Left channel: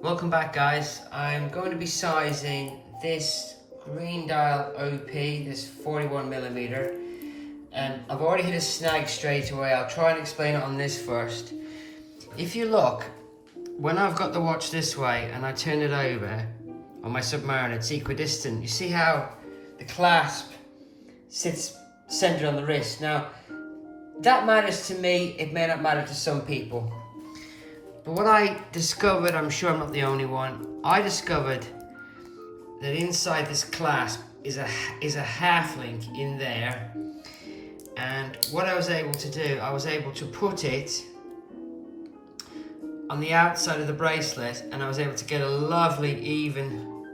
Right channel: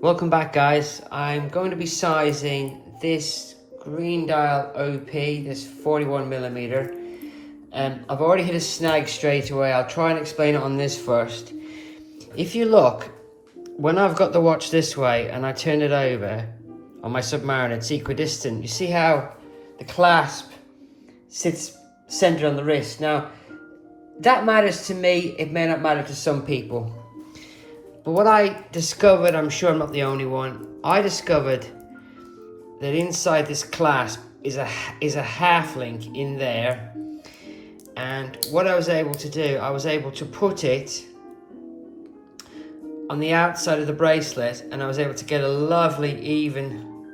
Welcome back, guys. I'm going to be sizing this green dial OP, this 41mm. I've already hit a snag straight away. I'll try and explain it on this first. If you look, when I've got the watch this way and I turn it over on my Submariner, it's equidistant. You see how the clasp sits centered on the wrist. Now, that matters to me. It may not matter to some people. But what I discovered, I'm sure I'm not the only one, I discovered that inside this clasp is a half link in there. And what I was able to do, I was able to put it on the outside of the bracelet, and I was able to get a lovely even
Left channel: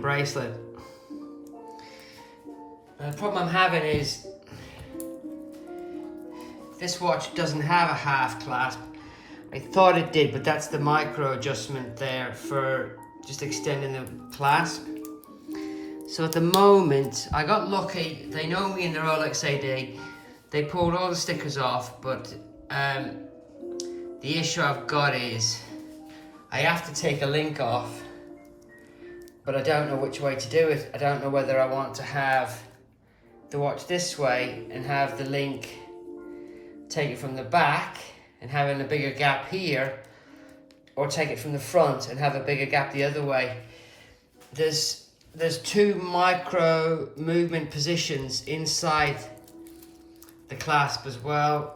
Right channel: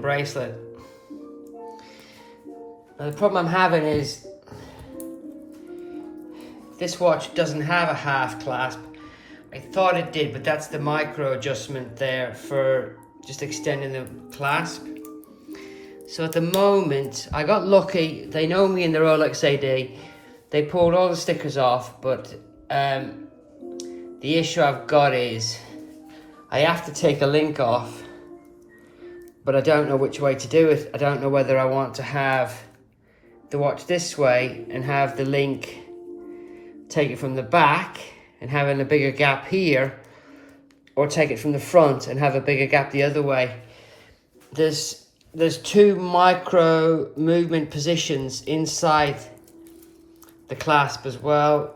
bracelet. Now the problem I'm having is this watch doesn't have a half clasp. I thought it did, but that's the micro adjustment there for just extending the clasp. So at the moment, I got lucky. They know me in the Rolex AD. They pulled all the stickers off, but the issue I've got is I have to take the link off, but I don't know which way to do it. I don't know whether I want to have the watch this way and have the link take it from the back and having a bigger gap here, or take it from the front and have a bigger gap the other way. There's two micro movement positions inside the clasp as well.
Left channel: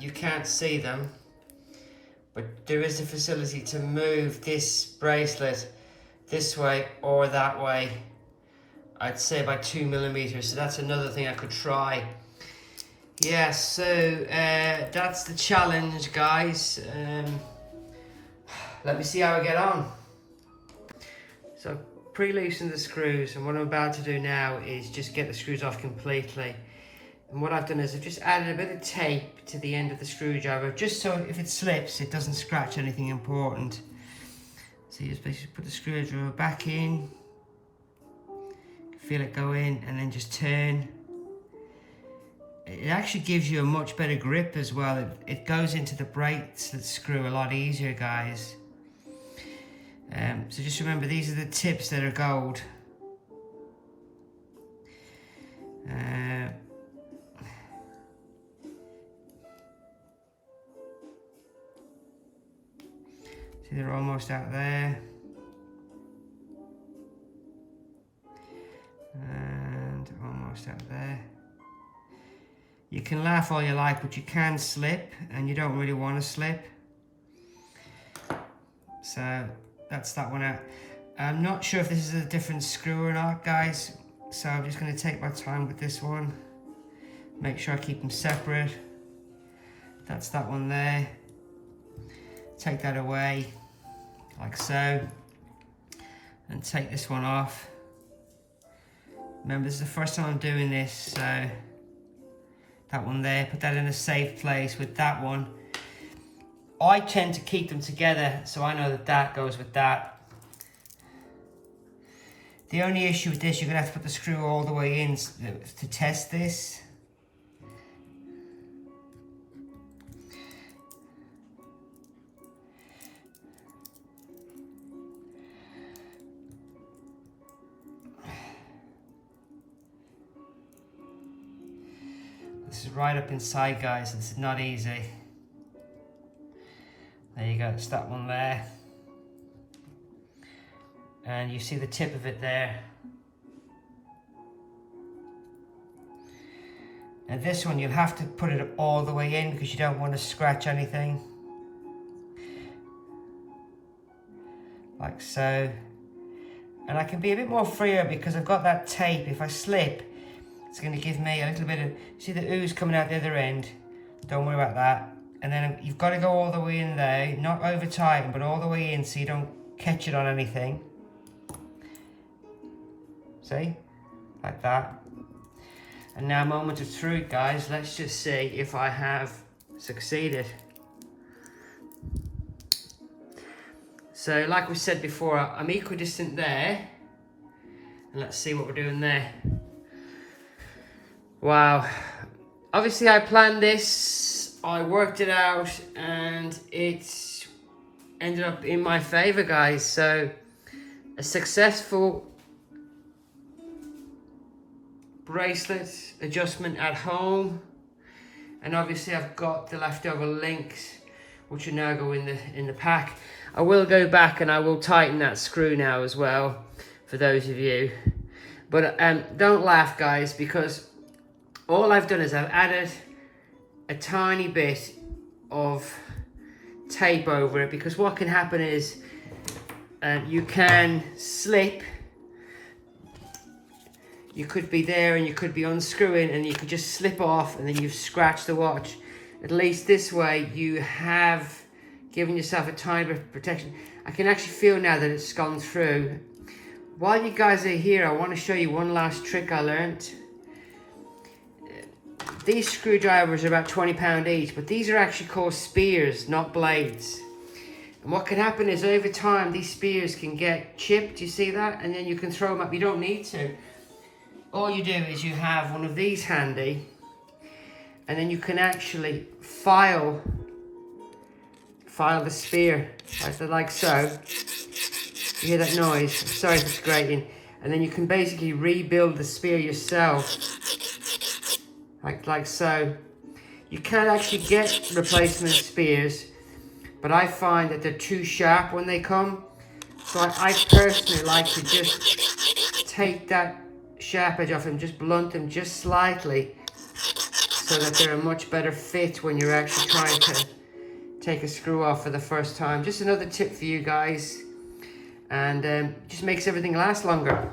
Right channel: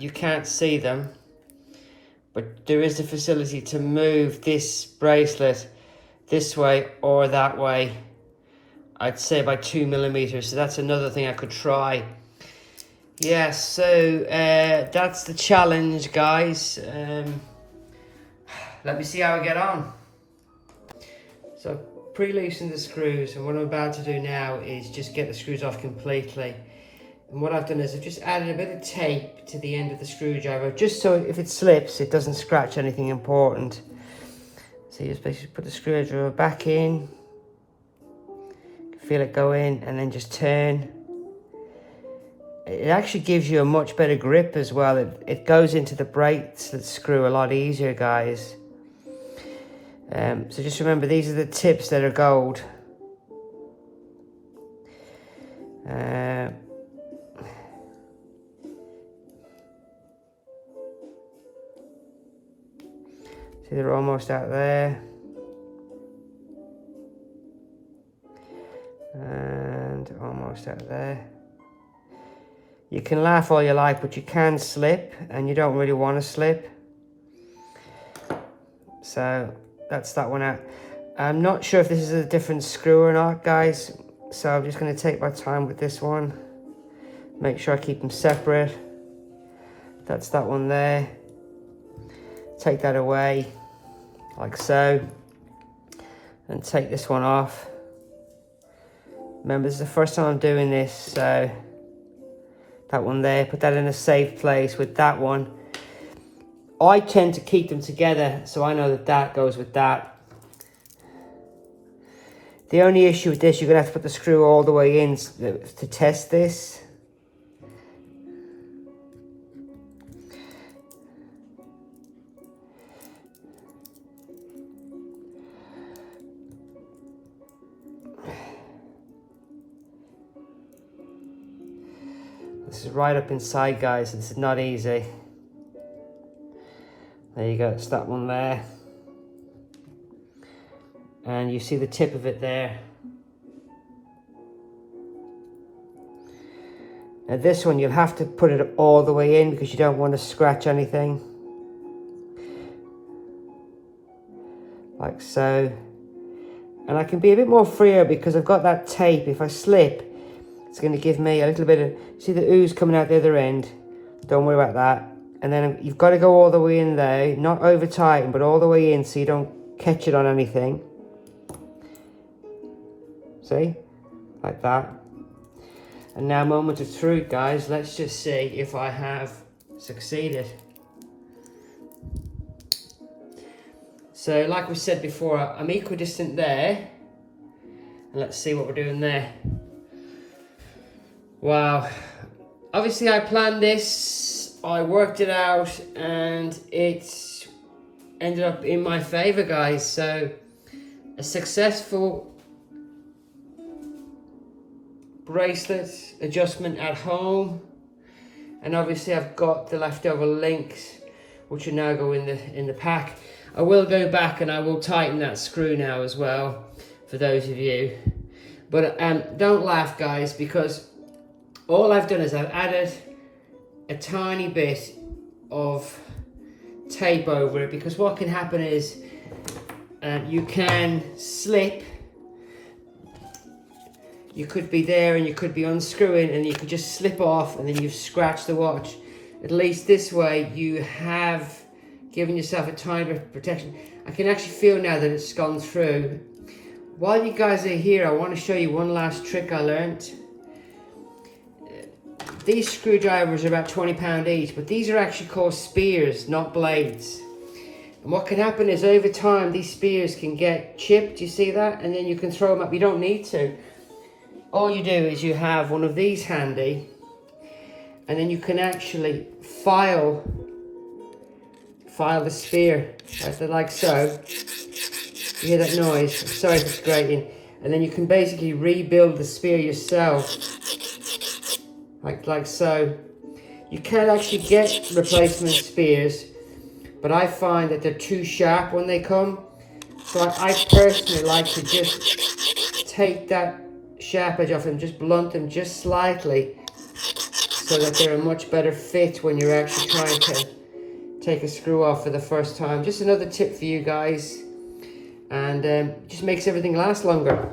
You can't see them, but there is a facility to move this bracelet this way or that way. I'd say by 2mm, so that's another thing I could try. Yeah, so that's the challenge, guys. Let me see how I get on. So pre-loosen the screws, and what I'm about to do now is just get the screws off completely. And what I've done is I've just added a bit of tape to the end of the screwdriver, just so if it slips, it doesn't scratch anything important. So you just basically put the screwdriver back in, feel it go in, and then just turn. It actually gives you a much better grip as well. It goes into the bracelet screw a lot easier, guys. So just remember, these are the tips that are gold. See, they're almost out there. And almost out there. You can laugh all you like, but you can slip, and you don't really want to slip. So that's that one out. I'm not sure if this is a different screw or not, guys. So I'm just going to take my time with this one. Make sure I keep them separate. That's that one there. Take that away, like so. And take this one off. Remember, this is the first time I'm doing this, so that one there, put that in a safe place with that one. I tend to keep them together, so I know that that goes with that. The only issue with this, you're gonna have to put the screw all the way in to test this. This is right up inside, guys, so this is not easy. There you go, it's that one there. And you see the tip of it there. Now this one, you'll have to put it all the way in because you don't want to scratch anything. Like so. And I can be a bit more freer because I've got that tape. If I slip, it's going to give me a little bit of, see the ooze coming out the other end? Don't worry about that. And then you've got to go all the way in there, not over tighten, but all the way in so you don't catch it on anything. See? Like that. And now, moment of truth, guys. Let's just see if I have succeeded. So, like we said before, I'm equidistant there. And let's see what we're doing there. Wow. Obviously, I planned this. I worked it out, and it's ended up in my favor, guys. So a successful bracelet adjustment at home, and obviously I've got the leftover links which will now go in the pack. I will go back and I will tighten that screw now as well for those of you, but don't laugh, guys, because all I've done is I've added a tiny bit of tape over it, because what can happen is you can slip. You could be there and you could be unscrewing and you could just slip off and then you've scratched the watch. At least this way you have given yourself a tiny bit of protection. I can actually feel now that it's gone through. While you guys are here, I want to show you one last trick I learned. These screwdrivers are about £20 each, but these are actually called spears, not blades. And what can happen is over time these spears can get chipped, you see that? And then you can throw them up, you don't need to. All you do is you have one of these handy, and then you can actually file the spear, like so. You hear that noise? Sorry if it's grating. And then you can basically rebuild the spear yourself, like so. You can actually get replacement spears, but I find that they're too sharp when they come. So I personally like to just take that sharp edge off them, just blunt them just slightly, so that they're a much better fit when you're actually trying to take a screw off for the first time. Just another tip for you guys, and just makes everything last longer.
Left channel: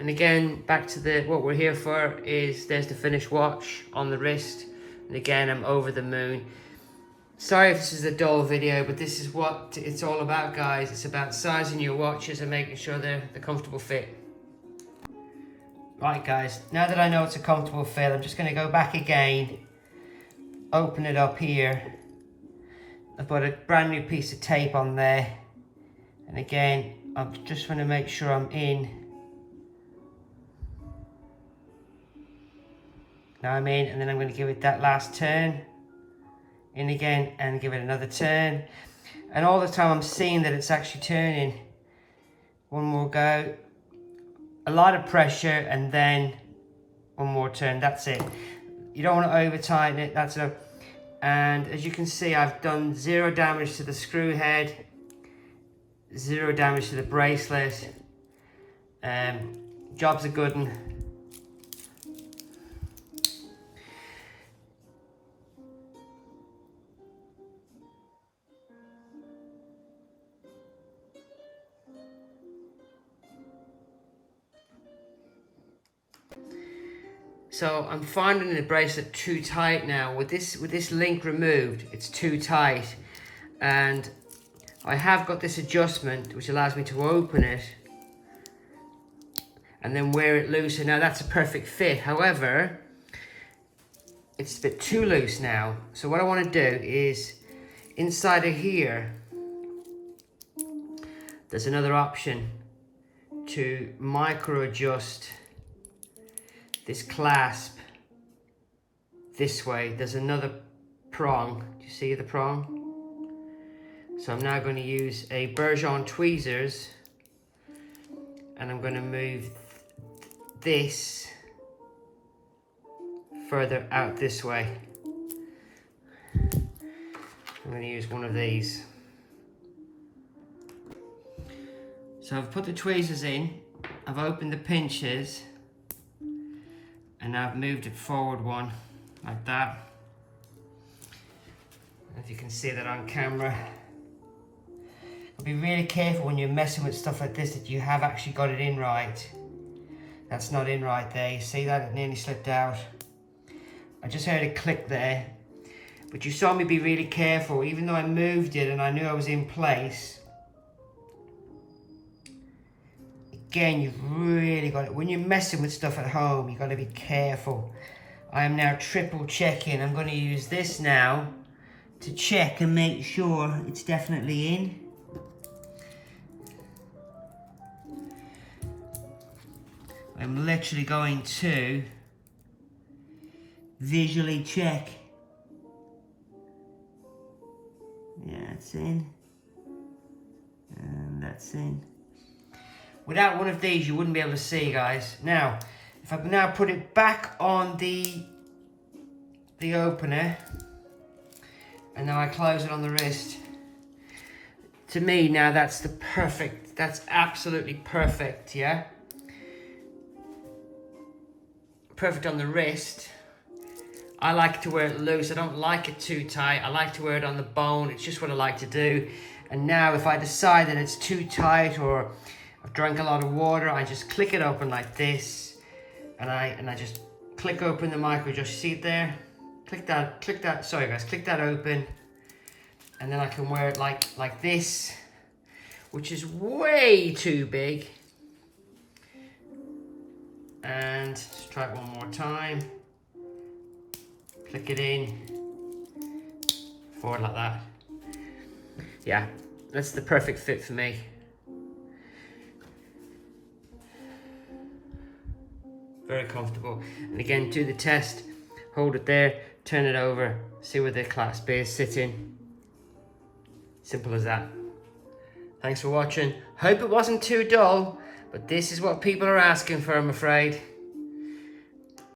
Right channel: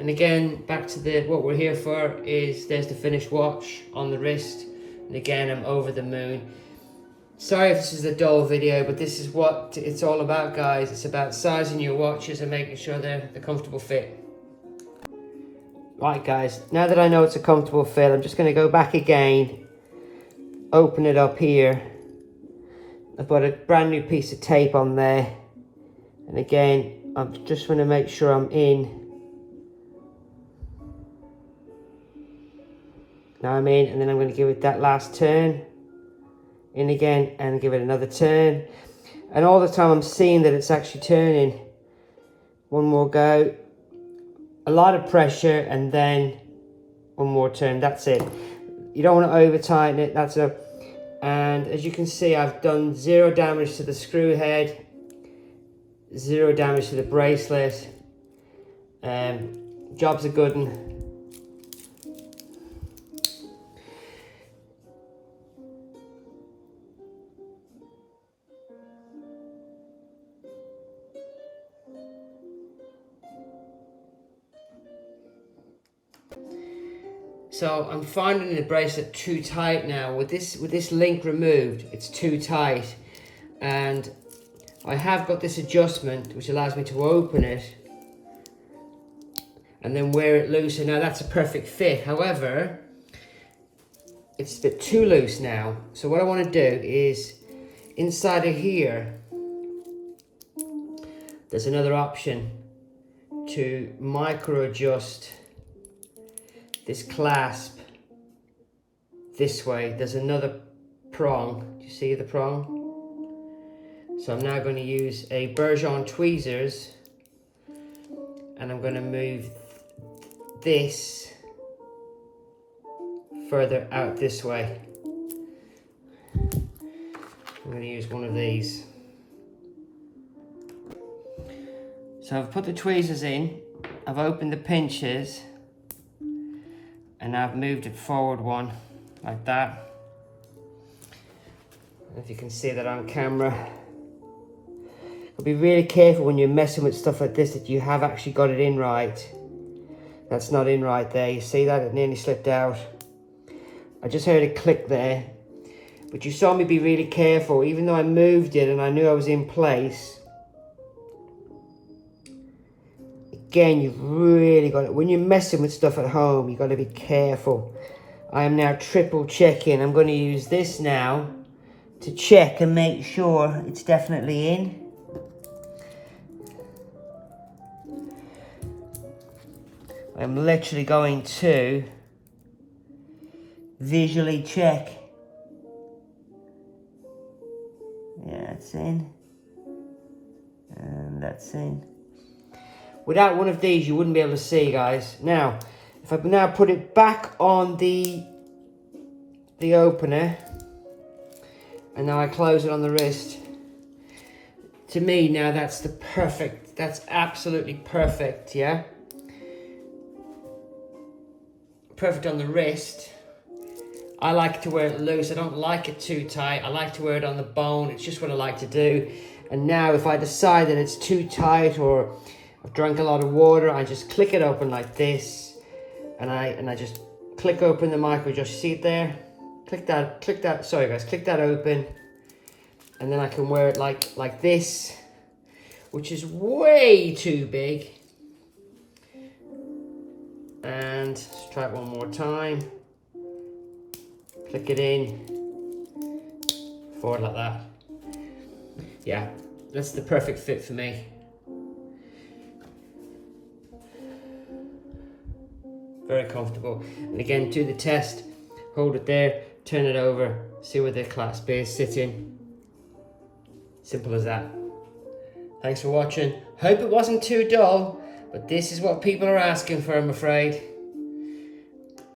And again, back to what we're here for is there's the finished watch on the wrist, and again I'm over the moon. Sorry if this is a dull video, but this is what it's all about, guys. It's about sizing your watches and making sure they're the comfortable fit. Right, guys, now that I know it's a comfortable fit, I'm just going to go back again, open it up here. I've got a brand new piece of tape on there, and again I'm just going to make sure I'm in. Now I'm in, and then I'm going to give it that last turn, in again, and give it another turn, and all the time I'm seeing that it's actually turning. One more go, a lot of pressure, and then one more turn. That's it. You don't want to over tighten it. That's a. And as you can see, I've done 0 damage to the screw head, 0 damage to the bracelet. Job's a good one. So I'm finding the bracelet too tight now. With this link removed, it's too tight, and I have got this adjustment which allows me to open it and then wear it loose, and now that's a perfect fit. However, it's a bit too loose now. So what I want to do is, inside of here, there's another option to micro adjust this clasp this way. There's another prong. Do you see the prong? So I'm now going to use a Bergeron tweezers, and I'm going to move this further out this way. I'm going to use one of these. So I've put the tweezers in, I've opened the pinches, and I've moved it forward one, like that. If you can see that on camera. Be really careful when you're messing with stuff like this that you have actually got it in right. That's not in right there. You see that? It nearly slipped out. I just heard a click there. But you saw me be really careful. Even though I moved it and I knew I was in place. Again, you've really got it. When you're messing with stuff at home, you've got to be careful. I am now triple checking. I'm going to use this now to check and make sure it's definitely in. I'm literally going to visually check. Yeah, it's in. that's in. Without one of these, you wouldn't be able to see, guys. Now, if I now put it back on the opener, and now I close it on the wrist, to me now that's that's absolutely perfect, yeah? Perfect on the wrist. I like to wear it loose. I don't like it too tight. I like to wear it on the bone. It's just what I like to do. And now if I decide that it's too tight or I've drank a lot of water, I just click it open like this, and I just click open the micro adjust. You see it there? Click that, sorry guys, click that open, and then I can wear it like this, which is way too big. And let's try it one more time. Click it in, forward like that. Yeah, that's the perfect fit for me. Very comfortable. And again, do the test, hold it there, turn it over, see where the clasp is sitting. Simple as that. Thanks for watching. Hope it wasn't too dull, but this is what people are asking for, I'm afraid.